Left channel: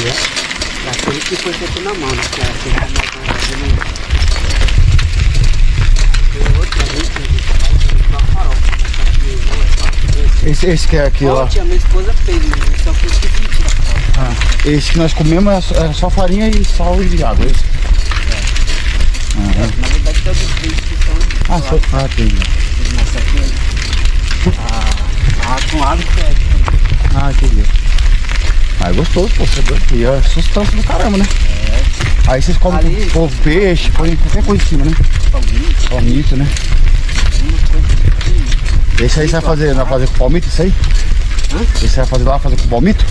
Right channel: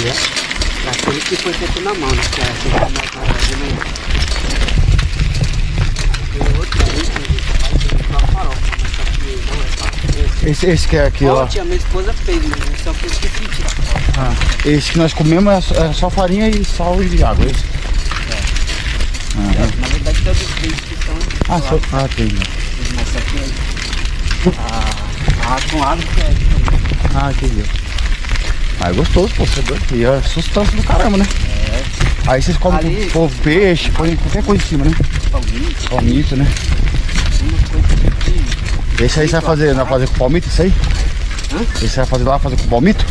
Aquele que foi feito na mão, né? Que é feito na mão de novo. Tem outro ali que a gente faz uma farofa, mas só que não é fácil. Esse que é aqui, ó. A minha esposa fez, mas só que eu esqueci de tirar foto. Ah, esse que nós comemos é só farinha e sal e água, é isso? Na verdade, todos os vídeos que são... Tem. Mas só que com água que é... Entendi. É gostoso, pô, você é doido. E é sustância do caramba, né? Aí vocês comem com peixe, põe qualquer coisa em cima, né? Palmito, né? Esse aí você vai fazer com palmito, isso aí? Esse você vai fazer lá, fazer com palmito?